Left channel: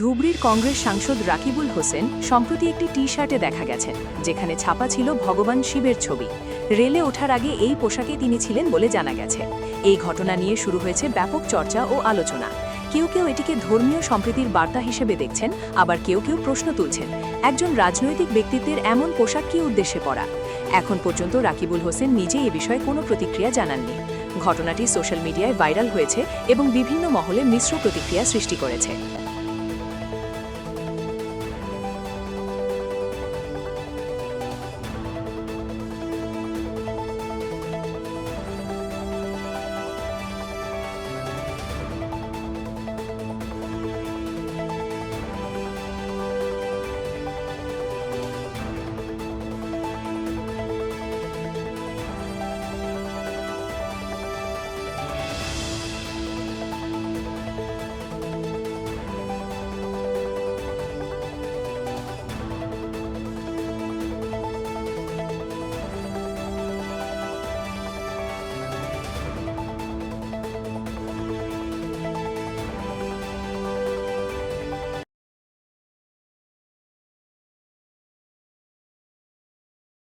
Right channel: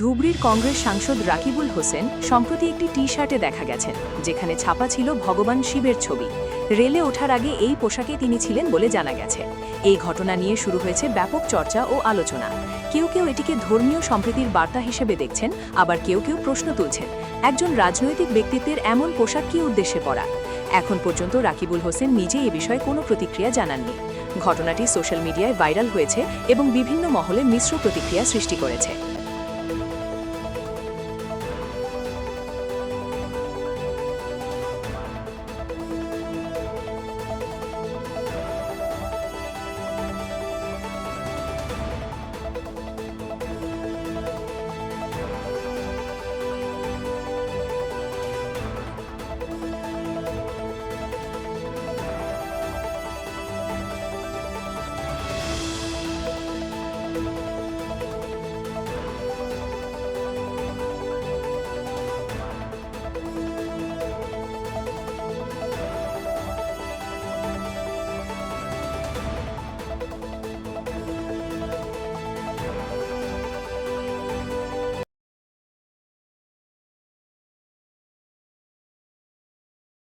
ধুবড়ীর কংগ্রেস সাংসদ রাকিবুল হোসেন সম্প্রতি একটি টি-শার্টে দেখা গেছেন, যেখানে ছাপা ছিল ভগবান শিবের ছবি। রেলে ওঠার আগে এই পোশাকে তিনি ছিলেন বলে জানা গেছে। এই ঘটনা নিয়ে শুরু হয়েছে ব্যাপক চর্চা ও আলোচনা। কেউ কেউ এটিকে ধর্মীয় সম্প্রীতির বার্তা হিসেবে দেখছেন, আবার কেউ কেউ প্রশ্ন তুলছেন, একজন রাজনৈতিক ব্যক্তিত্বের এমন পোশাক কী উদ্দেশ্যে পরা। এখন পর্যন্ত রাকিবুল হোসেন নিজে এ বিষয়ে কোনো প্রতিক্রিয়া জানাননি। ঘটনাটি সোশ্যাল মিডিয়ায় ভাইরাল হয়েছে এবং বিভিন্ন মহলে মিশ্র প্রতিক্রিয়া সৃষ্টি করেছে।